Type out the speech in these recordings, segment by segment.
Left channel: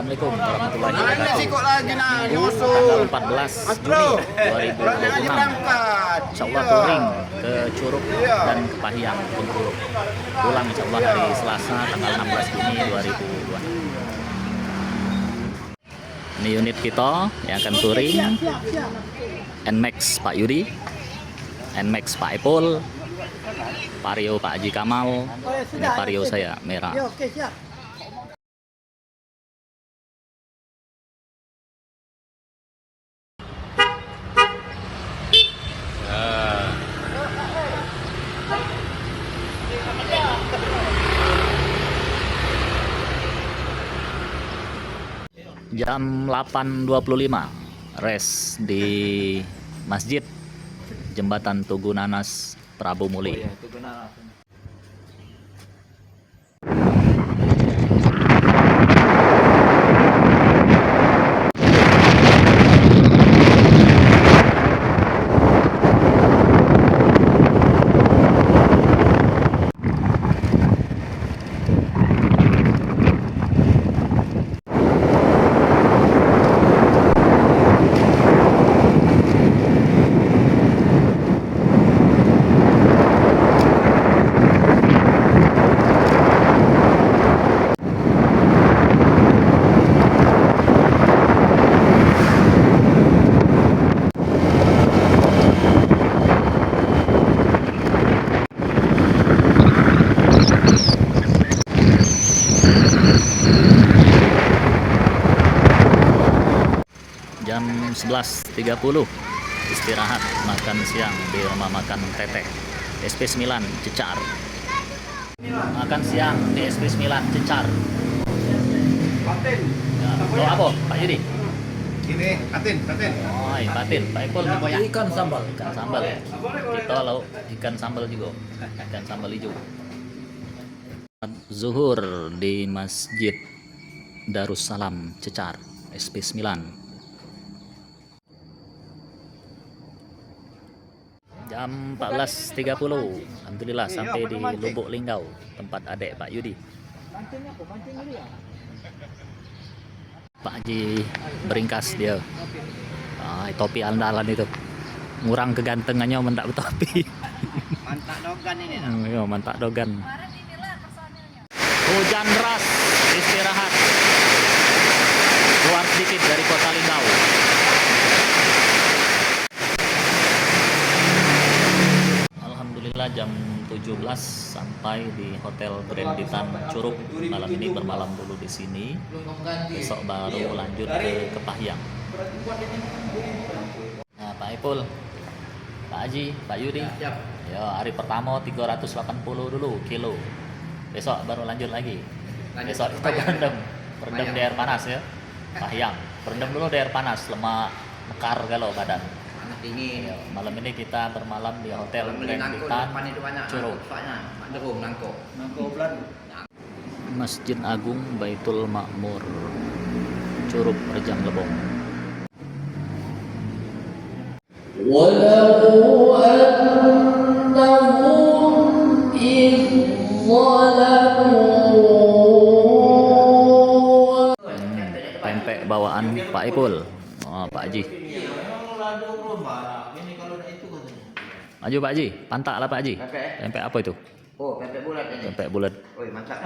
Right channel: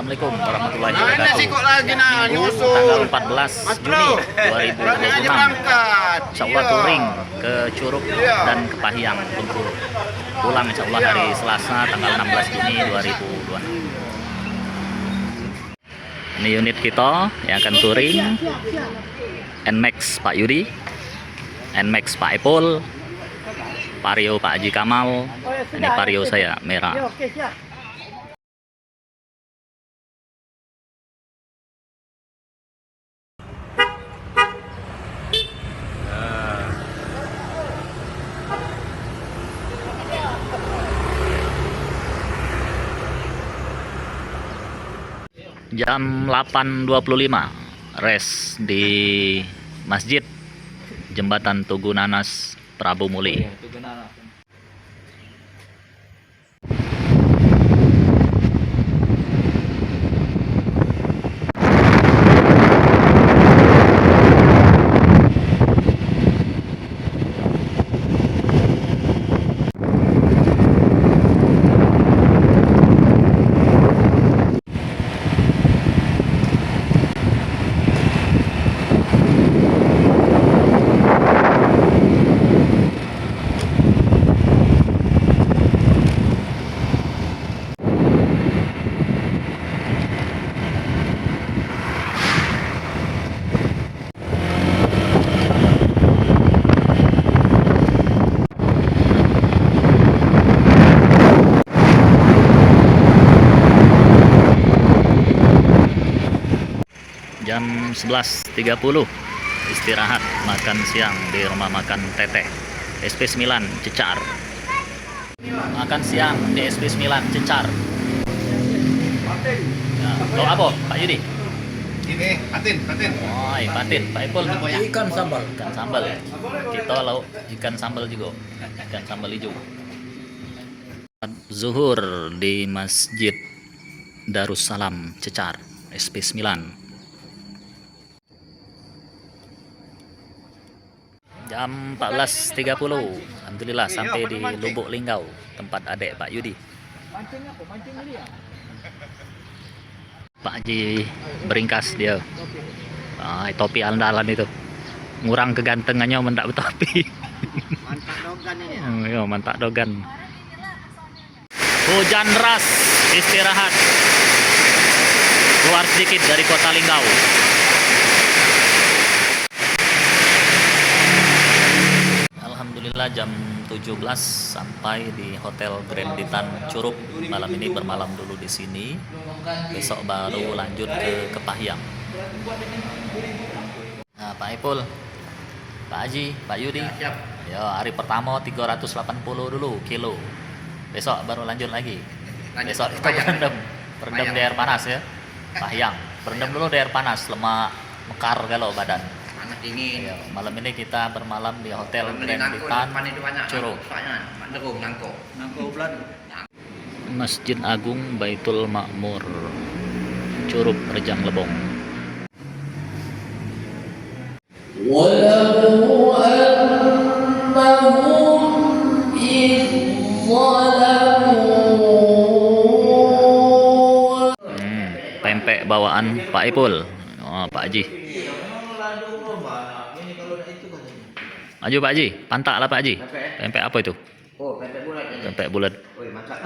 Assalamualaikum warahmatullahi wabarakatuh. Minggu tanggal 14 Juni 2026. Insyaallah touring ke Curug dan ke Pahiyang, Bengkulu. Pulang insyaallah hari Selasa tanggal 16 Juni 2026. Ini unit kita yang akan touring. NMAX Pak Yudi, NMAX Pak Epul, Vario Pak Haji Kamal. Ini Vario saya merah. Jam 8.25 res di Masjid Jembatan Tugu Nanas Prabu Muli. Jam 11.30 istirahat makan siang di rumah makan Teteh SP9 Cecar. Makan siang di SP9 Cecar. Oh apa Pak Yudi? Ini patin. Oh patin. Pak Ipul Ikan sambal. Ikan sambal. Kita lauk ikan sambal juga. Ikan sambal hijau. Zuhur di Masjid Darussalam Cecar SP9. Jam 14.30 alhamdulillah sampai di Lubuk Linggau, tempat adik Pak Yudi. Pak Haji beringkas dia. Topi andalan itu. Ngurang kegantengannya mendak betopi. Mantak dogan ini. Iya, mantak dogan. Hujan deras, istirahat. Keluar sedikit dari kota Linggau. Alhamdulillah jam 17 sampai di Hotel Grand Ditan Curug. Malam ini bermalam dulu di sini. Besok baru lanjut ke Pahiyang. Nah, Pak Ipul, Pak Haji, Pak Yudi. Siap. Ya, hari pertama 380 dulu kilo. Besok baru lanjut lagi. Besok kita berendam di air panas ya. Pahiyang. Berendam dulu di air panas, lemak mekar kalau badan. Dingin. Ya, malam ini kita bermalam di Hotel Grand Ditan Curug. Masjid Agung Baitul Makmur Curug Rejang Lebong. Walau annahum Pempek bawaan Pak Ipul. Oh, Pak Haji. Maju Pak Haji, pantak lah Pak Haji. Pempek apa itu? Oh, pempek bulat ini. Pempek bulat. Oh, mantap.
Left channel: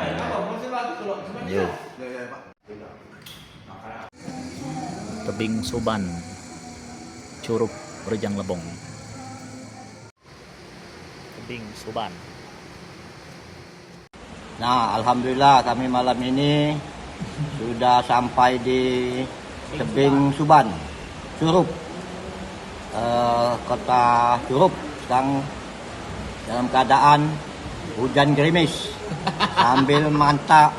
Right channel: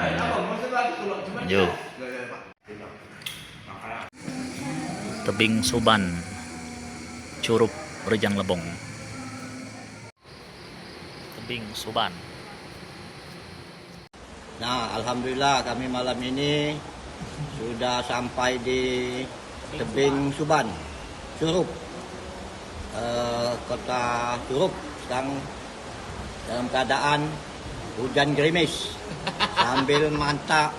Maju. Tebing Suban, Curug Rejang Lebong. Tebing Suban. Nah, alhamdulillah kami malam ini sudah sampai di tebing Suban, Curug, kota Curug. Sedang dalam keadaan hujan gerimis, ambil mantap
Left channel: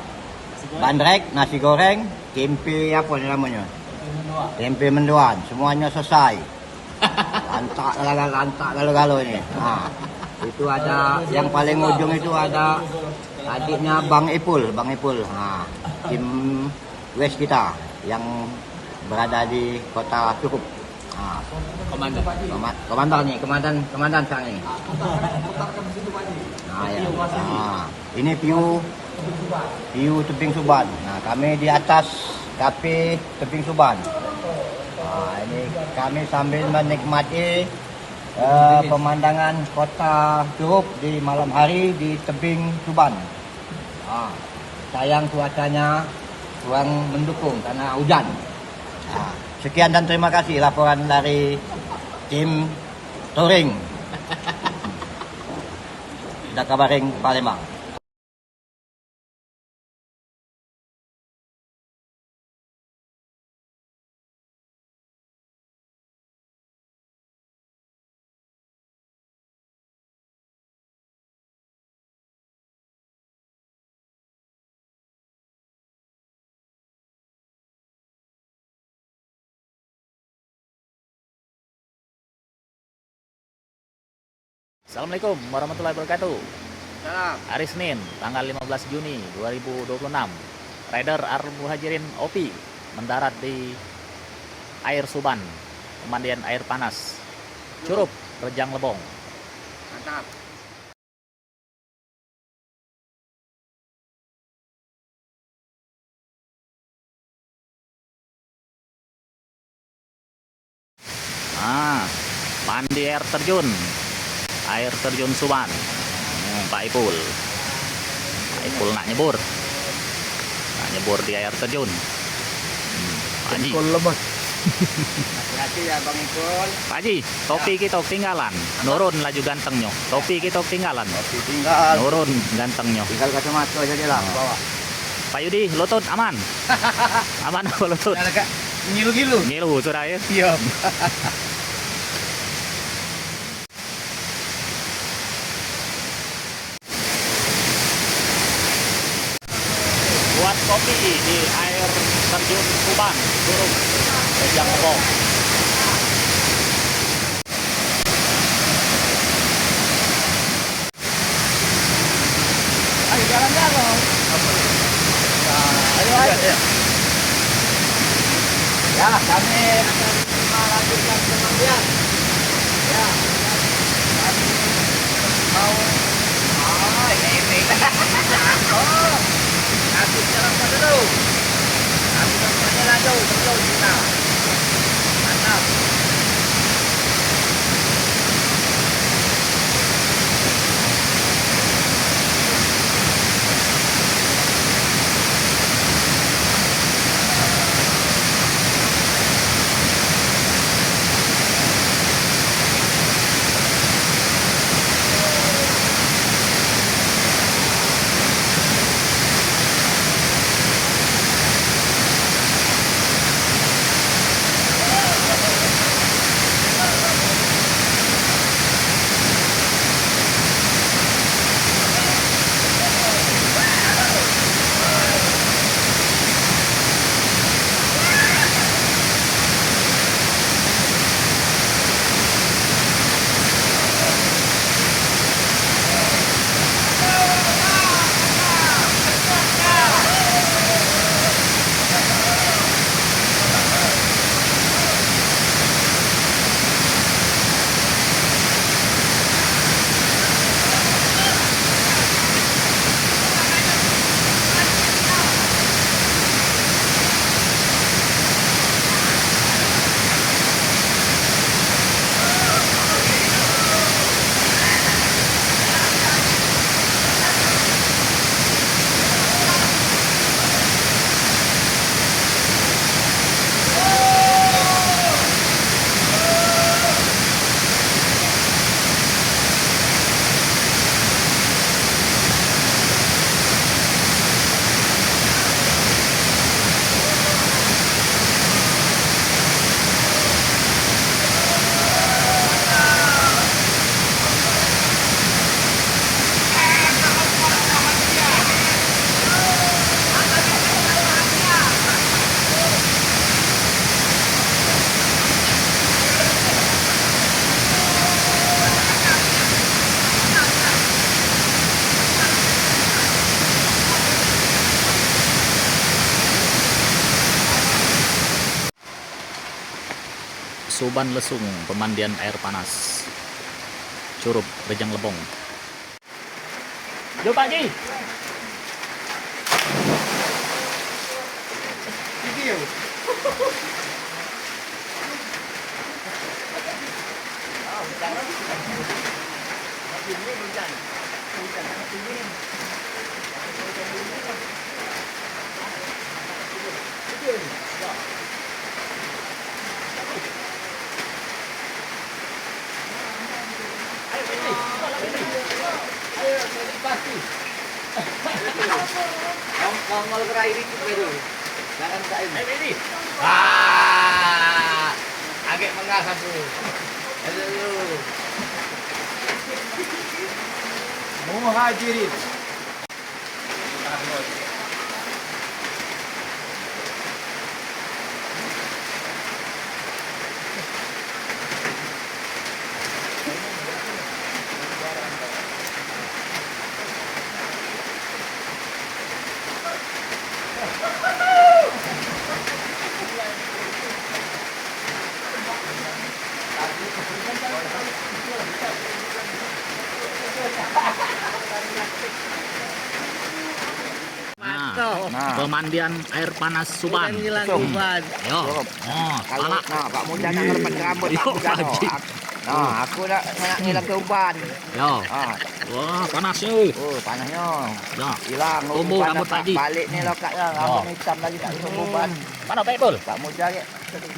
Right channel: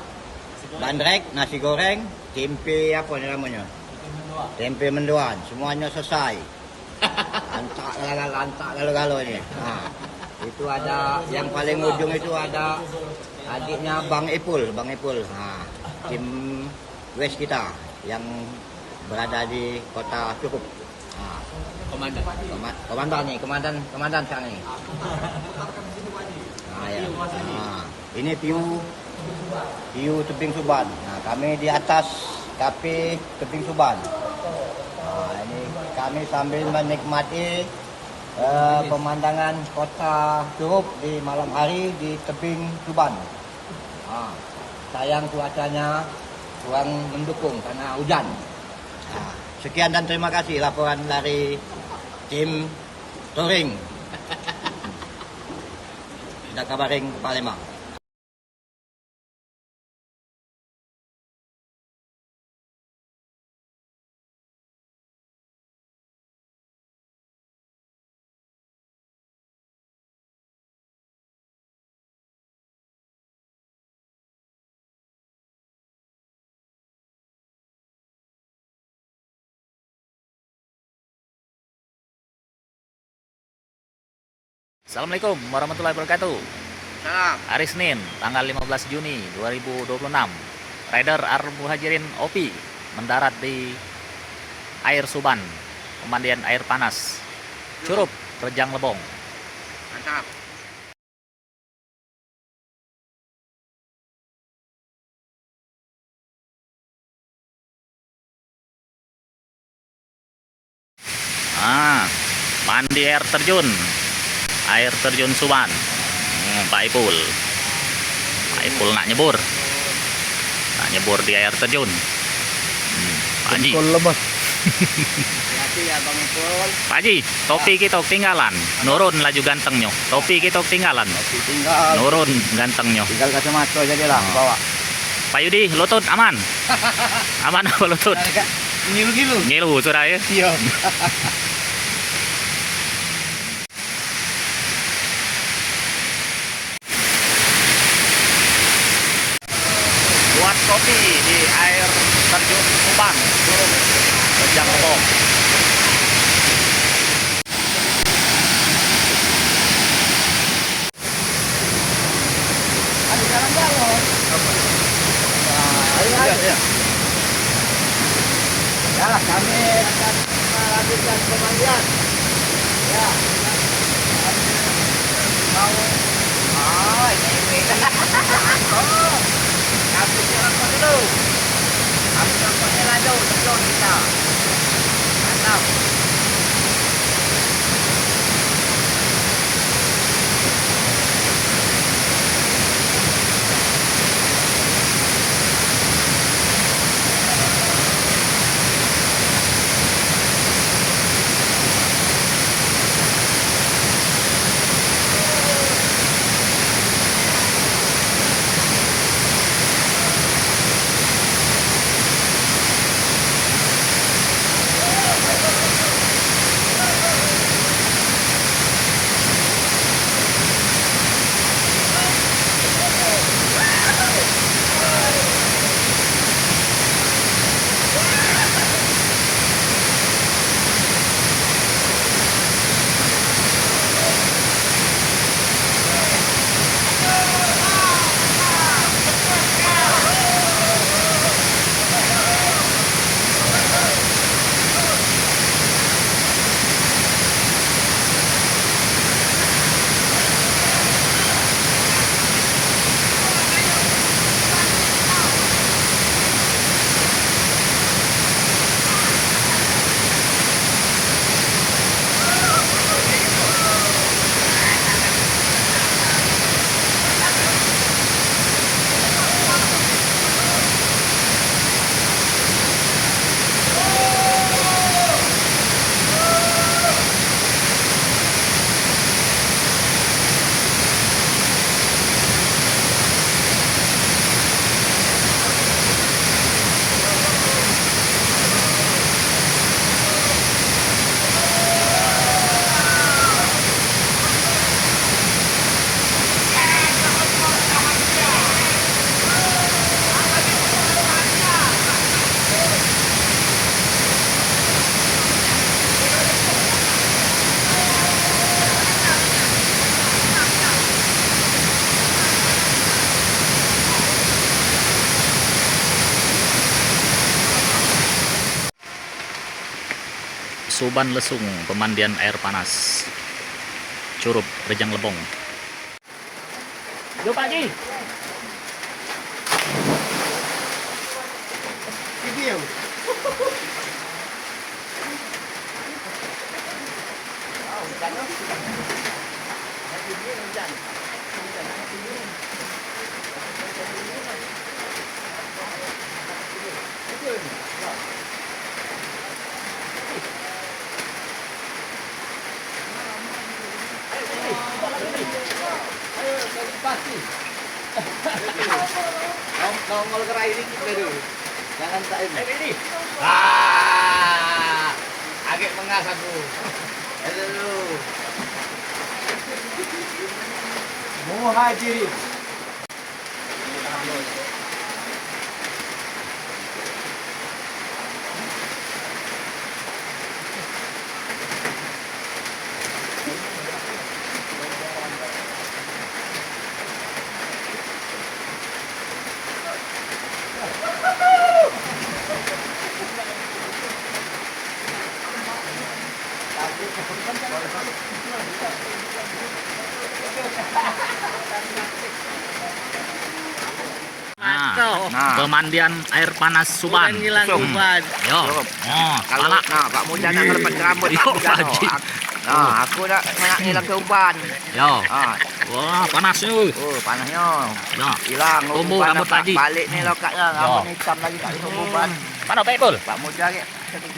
bandrek, nasi goreng, tempe apa namanya, tempe mendoan, semuanya selesai. Lantak galau ini. Nah, itu ada yang paling ujung itu ada adiknya Bang Ipul. Nah, tim West kita yang berada di kota Curug. Komandan sekarang ini. Nah, ya. Nah, ini view tebing Suban. Nah, kami di atas tapi tebing Tuban. Ini kami sambil menikmati pemandangan kota Curug di malam hari di tebing Tuban. Sayang cuacanya kurang mendukung karena hujan. Sekian dan terima kasih laporan dari tim touring Dakabaring Palembang. Assalamualaikum warahmatullahi wabarakatuh. Salam. Hari Senin, tanggal 15 Juni 2026. Rider Al-Muhajirin OP mendarat di air Suban, pemandian air panas, Curug, Rejang Lebong. Mantap. Mandi air terjun Suban. Pak Ipul nak nyebur di air terjun. Pak Haji. Hati-hati ya Bang Ipul. Pak Haji, topi kita tinggalan, nurun laju gantengnya. Topi kita tinggalan, Oke, tinggal nurun gantengnya. kacamata aja lah bawa. Pak Yudi, lutut aman? Aman apa lutut? Ngilu-ngilu. Ngilu sudah ya. Iya. Buat kopi di air terjun Suban, Curug, Rejang Lebong. Ayo. Ya, kami akan melanjutkan pemandian. Ya, kami mau. Oh, ini. Oh, kasih apa dulu? Kasih contohnya lanjut, sebelum kita. Mantap. Suban Lesung, pemandian air panas, Curug, Rejang Lebong. Yuk Pak Haji. Video. Nongol gerai ini dulu. Jangan tak ini. Agak mengas aku. Dulu. Muhajirin. Pemandian air panas Suban. Hilang uban. Yo. Oh, Kalau salah. nah Pak Muja nak ngelepas rambut Yo, Pak Muja. Haji. Nah, aku nak ngilang ke uban. Yo. Ah, Wah, panas ni. oh panasnya. Yo. Hilang Tumbuh uban rambut Pak. Haji. Balik ni lokat lah. Rambut hitam lagi tak ada uban. Mana Pak Ipul? Pak Muja ke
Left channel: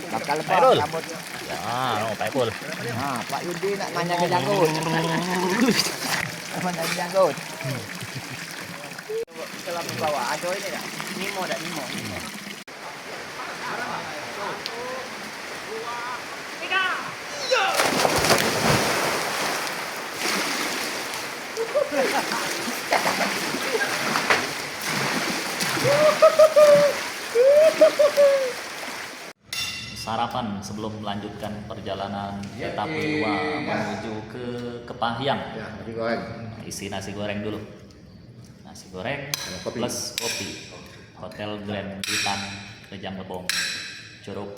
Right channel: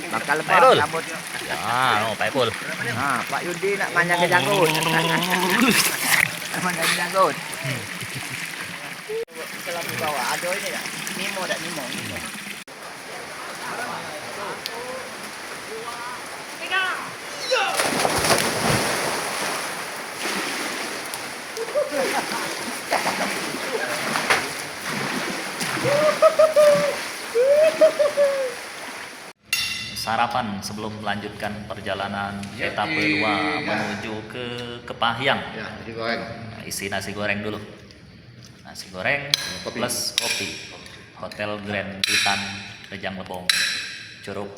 bakal lepas Betul. rambutnya. Ah, Pak Ipul. Ha, Pak Yudi nak manjang ke janggut. Manjang ke janggut. Bawa ada ini tak? Nemo tak Nemo? Sarapan sebelum melanjutkan perjalanan etape 2 menuju ke Kepahyang. Ya, nasi goreng. Isi nasi goreng dulu. Nasi goreng kopi. plus kopi. Hotel Grand Bitan Rejang Lebong, Curug.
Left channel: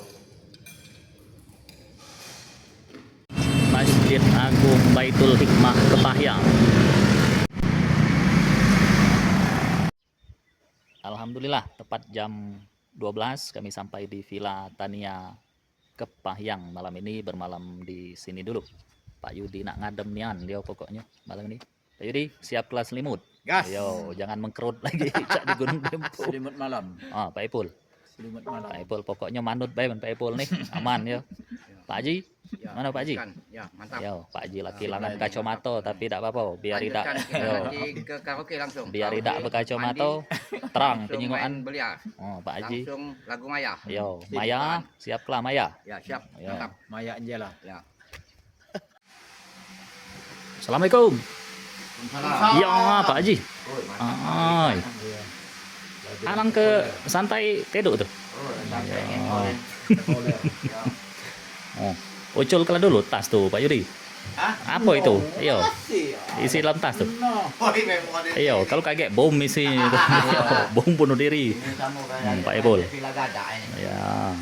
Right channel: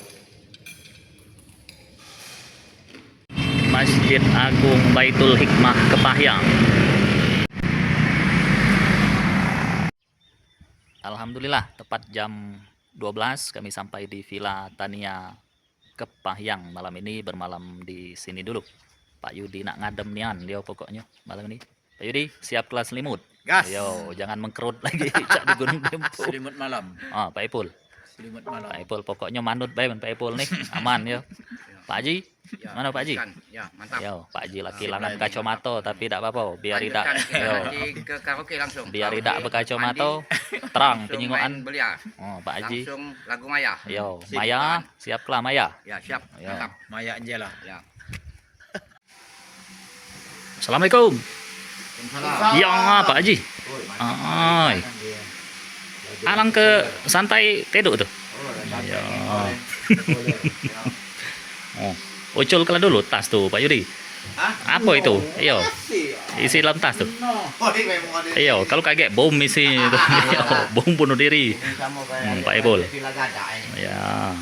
Masjid Agung Baitul Hikmah Kepahyang. Alhamdulillah, tepat jam 12 kami sampai di Villa Tania Kepahyang. Malam ini bermalam di sini dulu. Pak Yudi nak ngadem nian dia pokoknya malam ini. Pak Yudi siap kelas selimut. Gas. Ayo, jangan mengkerut lagi cak di Gunung Dempo. Selimut malam. Ah, Pak Ipul. Selimut malam. Pak Ipul pokoknya manut bae Pak Ipul nih. Aman ya. Pak Haji, Ya, mana Pak Haji? Ya, mantap. Yo, Pak Haji laki langan kacamata tapi tak apa-apa, biar tidak yo, Nanti ke karaoke langsung. biar tidak Karaoke, berkacamata mandi, terang langsung penyingoan. main belia. Oh, Pak Haji. Langsung lagu Maya. Yo, Sip, Maya, Pak. siap kelah Maya. Ya, siap. Ya. Mantap. Maya je lah. Ya. Assalamualaikum. Salam. Ya, Pak Haji. Oi, mantap. Ai, alang ke santai teduk tuh. Oh, Ya. Ya. Oh, ucul kelah dulu tas tuh Pak Yudi. Hah? Apa itu? Iyo, Masih. isi dalam tas tuh. Oh, ini memang ada. Iyo, kalau kaget bom isi, Iyo, bom bunuh diri. Ini sama kayak Pak Ipul. Pila gadak ini. Ya.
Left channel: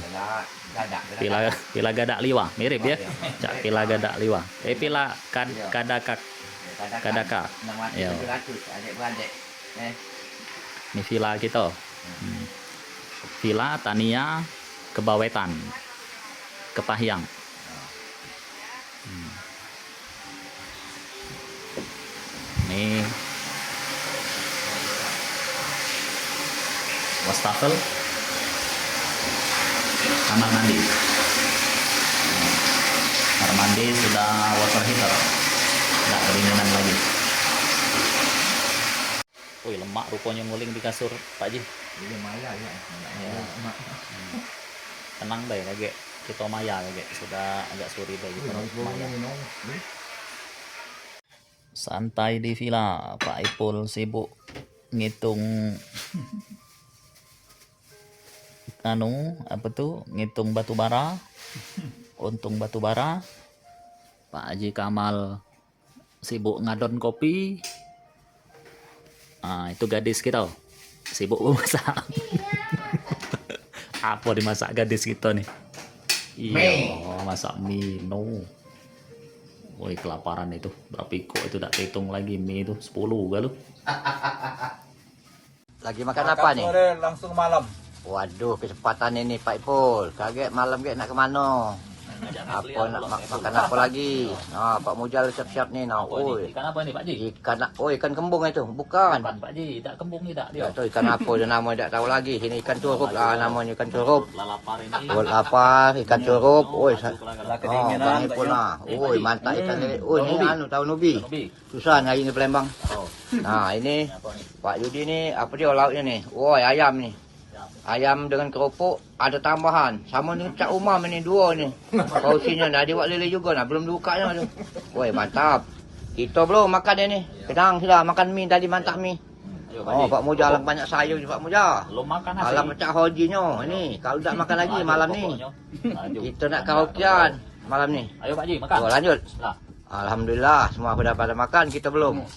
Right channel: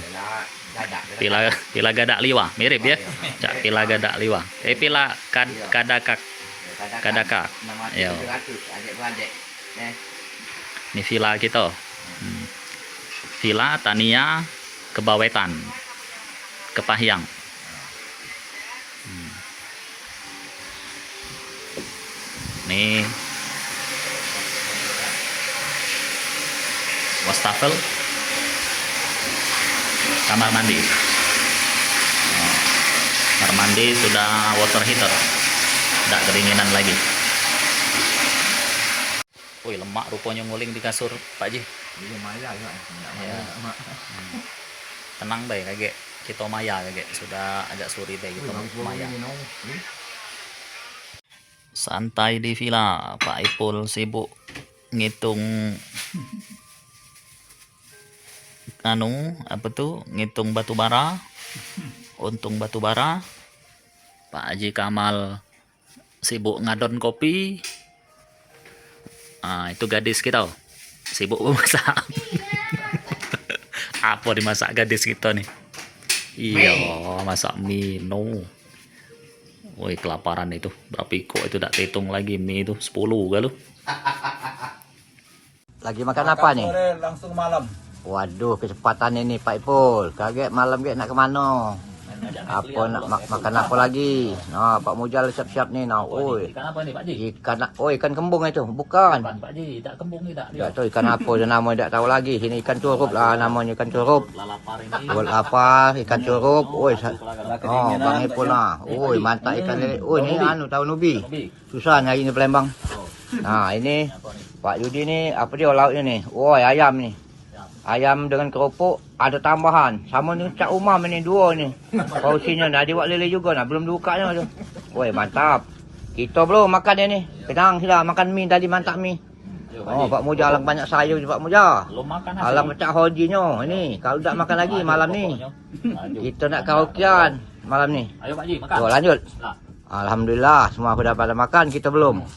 Pila gadak. Pila gadak liwa, mirip ya. Cak pila gadak liwa. Pila kadakak. Kadakak. Iya. Adik-beradik. Ini villa kita. Villa Tania Kebawetan. Kepahyang. Nih wastafel, kamar mandi. Kamar mandi sudah water heater, tidak kedinginan lagi. Wih, lemak rupanya nguling di kasur Pak Ji. Ini Maya ya. Ya. Tenang baik kayak kita Maya kayak sudah agak suri baik gitu Maya. Santai di villa, Pak Ipul sibuk ngitung apa tuh, ngitung batu bara, untung batu bara. Pak Haji Kamal sibuk ngadon kopi. Ah, itu gadis kita sibuk memasak. Apa dimasak gadis kita nih? Iya, masak mie. No. Woi, kelaparan itu. Berapa iko itu tak hitung lagi mie itu 10 galuh. Lagi makan apa nih? Sore langsung malam. Waduh, kecepatan ini Pak Ipul. Kaget malam ke nak ke mana? Apa nak makan apa lagi? Nah, Pak Mujal siap-siap nih. Nah, oi. Ikan apa ini Pak Ji? Ikan kembung itu, bukan. Bukan Pak Ji, tak kembung ni tak Ya, dia. tu ikan apa je nama tak tahu lagi. Sini ikan curup lah namanya, ikan curup. Lalapar ini. Buat apa? Ikan curup. Oi. Oh, Bang Ipul lah. Oi, mantap ikan lele. Oi, ni anu tahu nubi. Susah nyari di Palembang. Nah, ini Pak Yudi ni apa dia lauknya ni? Oi, ayam ni. Ayam dengan keropok ada tambahan. Sama ni Cak Umar ni dua ni. Porsinya dah dia buat lele juga nah. Belum dibukanya tu. Oi, mantap. Kita belum makan dia ni. Kedang sudah makan mi tadi mantap mi. Oh, Pak Muja alang banyak sayur je Pak Muja. Belum makan Alang macam hojinya. Ini kalau tak makan lagi malam ni. Kita nak karaokean malam ni. Ayo Pak Ji, makan. Oh, lanjut. Nah. Alhamdulillah semua dah pada makan, kita belum.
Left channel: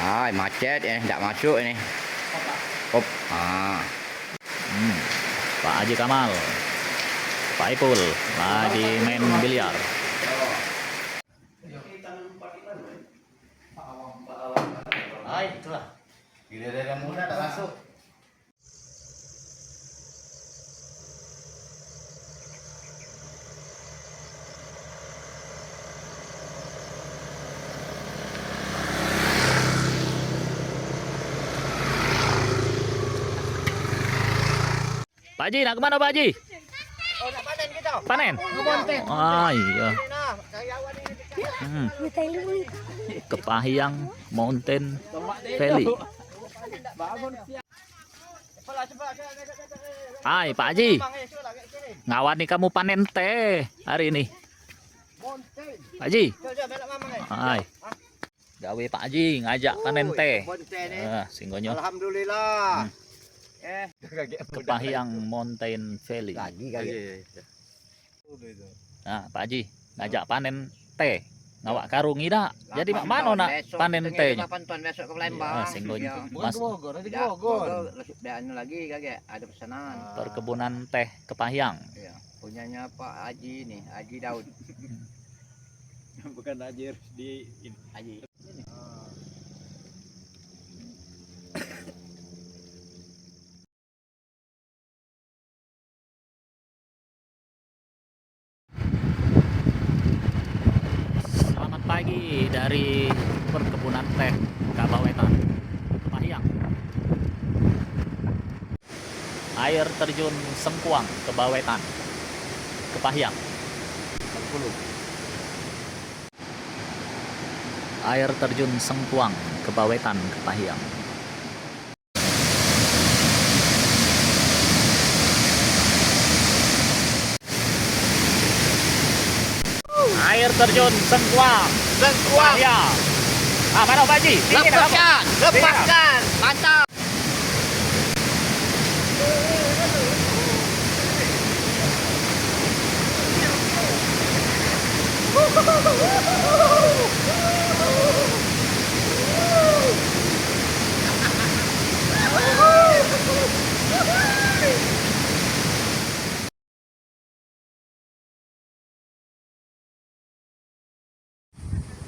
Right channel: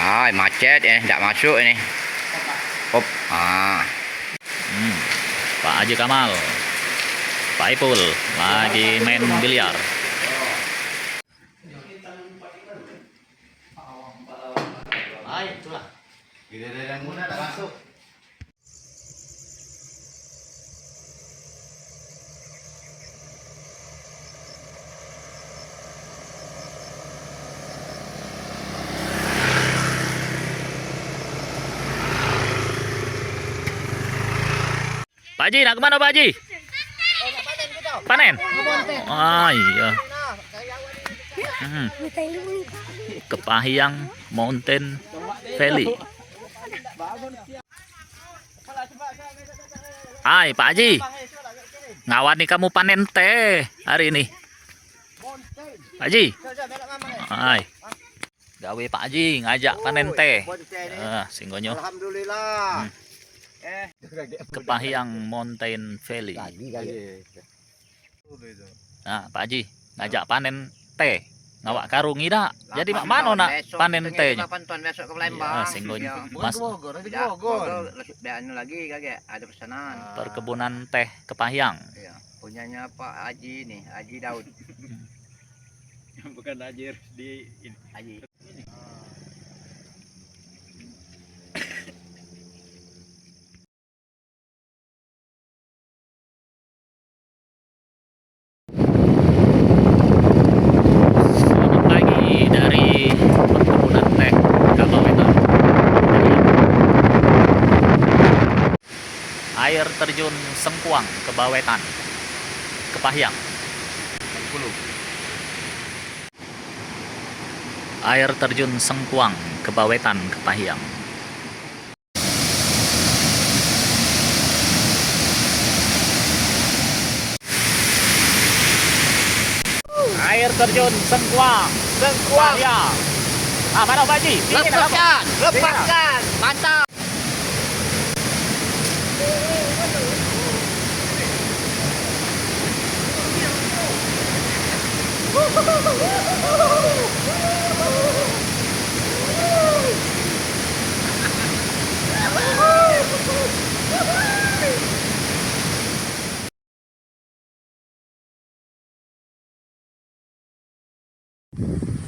Ay, macet tak masuk ini. Hop. Pak Haji Kamal, Pak Ipul lagi main biliar. Hai, itulah. Giliran muda tak masuk. Pak Haji nak kemana Pak Haji? Nak panen kita. Panen? Ah iya. Kepahyang Mountain Valley. Hai Pak Haji, ngawani kamu panen teh hari ini. Pak Haji. Hai. Gawe Pak Haji ngajak panen teh. Singgonyo. Alhamdulillah. Kepahyang Mountain Valley. Nah, Pak Haji ngajak panen teh. Ngawak karung ida. Jadi mak mana nak panen tehnya? 8 ton besok ke Palembang. Singgonyo. Mas Anu lagi kagak ada pesanan. perkebunan teh Kepahyang. Iya, punyanya Pak Haji nih, Haji Daud. Bukan Haji di Haji. Selamat pagi dari perkebunan teh Kabawetan. Air terjun Sengkuang Kebawetan, Kepahyang. Air terjun Sengkuang Kebawetan, Kepahyang. Air terjun Sengkuang, Kepahyang. Ah, mana Pak Haji? Dingin apa? Lepaskan, mantap.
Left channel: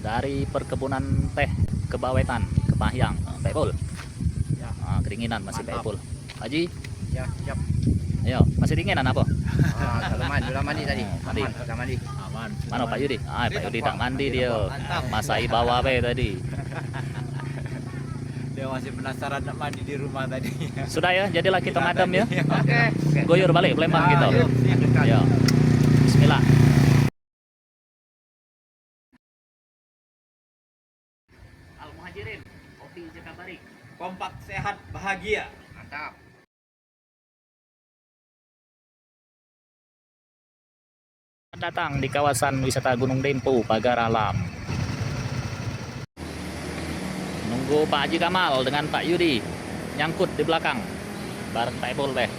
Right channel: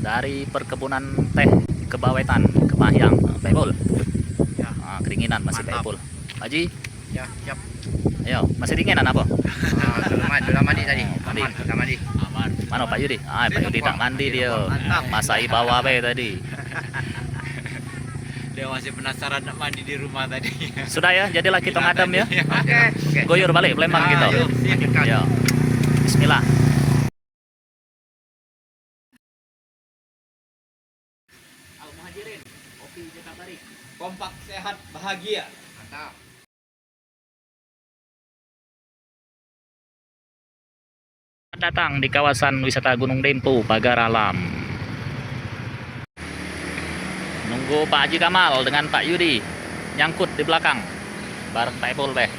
Dari perkebunan teh Kebawetan, Kepahyang. Pak Ipul. Keringinan masih Pak Ipul. Pak Haji, Ya, siap. ayo, masih dinginan apa? Sudah mandi tadi. Mandi. Aman, sudah mandi. Mana Pak Yudi? Pak Yudi tak mandi dia. Masai bawah be tadi. dia masih penasaran nak mandi di rumah tadi. Sudah ya, jadilah kita ngadem ya. Oke. Goyor balik Palembang kita. Yuk, lanjutkan. Ya. Bismillah. Al-Muhajirin, kopi Jakabarik. Kompak, sehat, bahagia. Mantap. Datang di kawasan wisata Gunung Dempo, Pagar Alam. Nunggu Pak Haji Kamal dengan Pak Yudi nyangkut di belakang bareng Pak Ipul beh.